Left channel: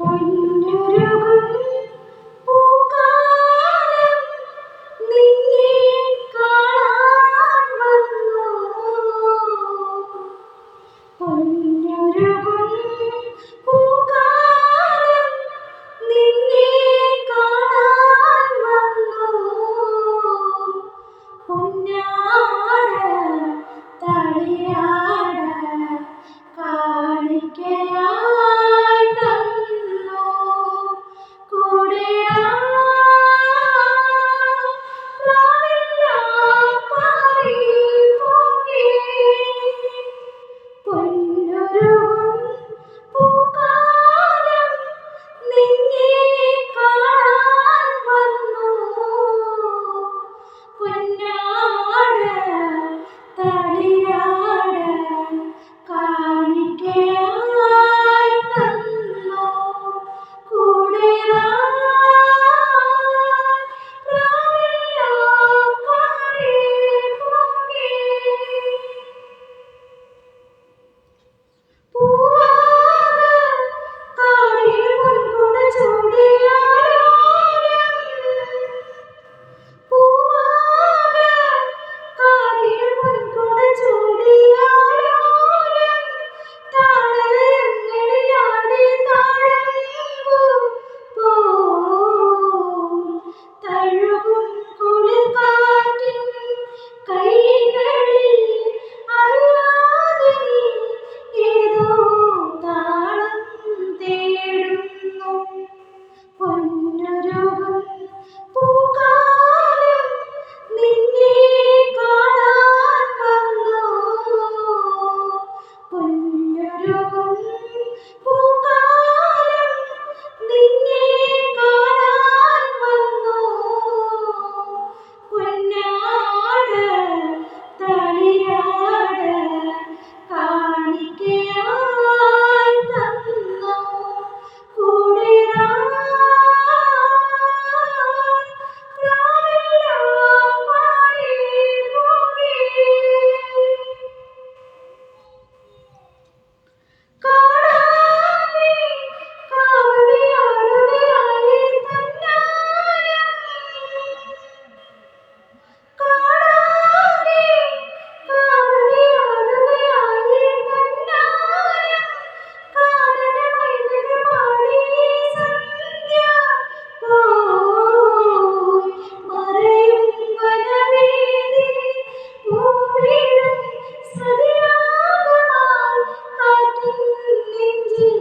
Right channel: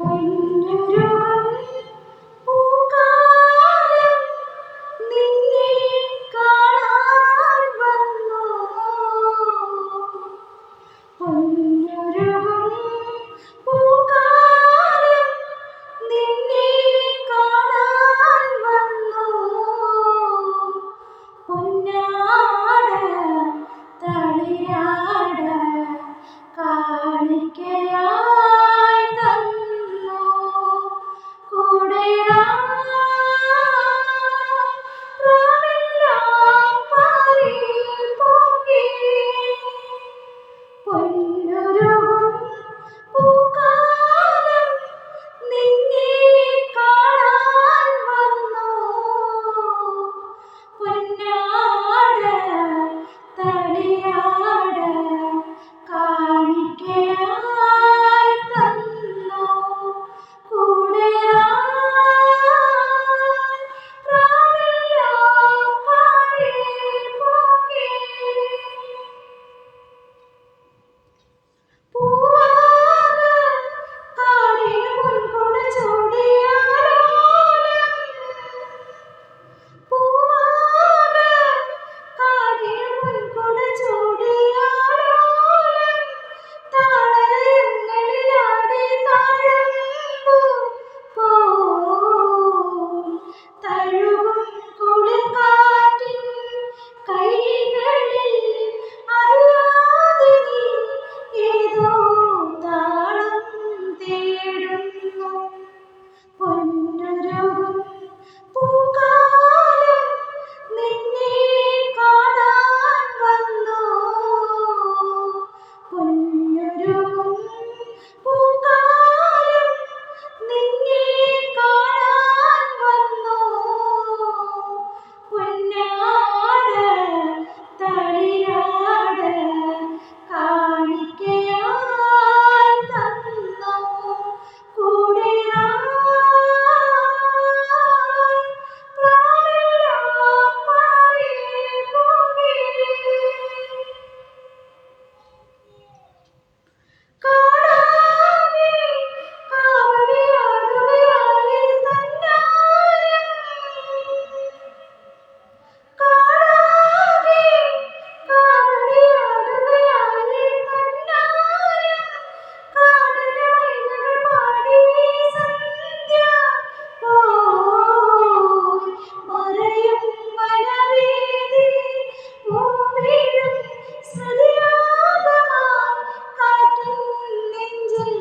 പൊന്നുരുകും പൂക്കാലം നിന്നെ കാണാൻ വന്നു. പൊന്നുരുകും പൂക്കാലം നിന്നെ കാണാൻ വന്നു. പൊന്നാട തളിയാട കാണിക്കയായി തന്നു. കൂടെയെല്ലാം പാറി പോകെ. പൊന്നുരുകും പൂക്കാലം നിന്നെ കാണാൻ വന്നു. പൊന്നാട തളിരാട കാണിക്കയായി തന്നു. കൂടെയെല്ലാം പാറി പോകെ. പൂവാക കാടിന് പൊൻകുട ചൂടിയാലോലം. പൂവാക കാടിന് പൊൻകുട ചൂടിയാലോലം. താളലയങ്ങളിലാടി താഴമ്പൂ പോൽ തഴുകും കുളിർക്കാറ്റിൻ കൈകളിൽ അറിയാതെ നീ ഏതോ താളം തേടുന്നു. പൊന്നുരുകും പൂക്കാലം നിന്നെ കാണാൻ വന്നു. പൊന്നുരുകും പൂക്കാലം നിന്നെ കാണാൻ വന്നു. പൊന്നാട തളിരാട കാണിക്കയായി തന്നു. കൂടെയെല്ലാം പാറി പോകെ. കാടാകെ കാവടിയാടുകയായി തന്നാരം. കാടാകെ കാവടിയാടുകയായി തന്നാരം. കാനനമൈനകൾ പാടി സന്ധ്യ പോയി മറയും വനവീഥി. പൂവിടും സ്മൃതിരാഗമായി കാറ്റിൻ നെഞ്ചിൽ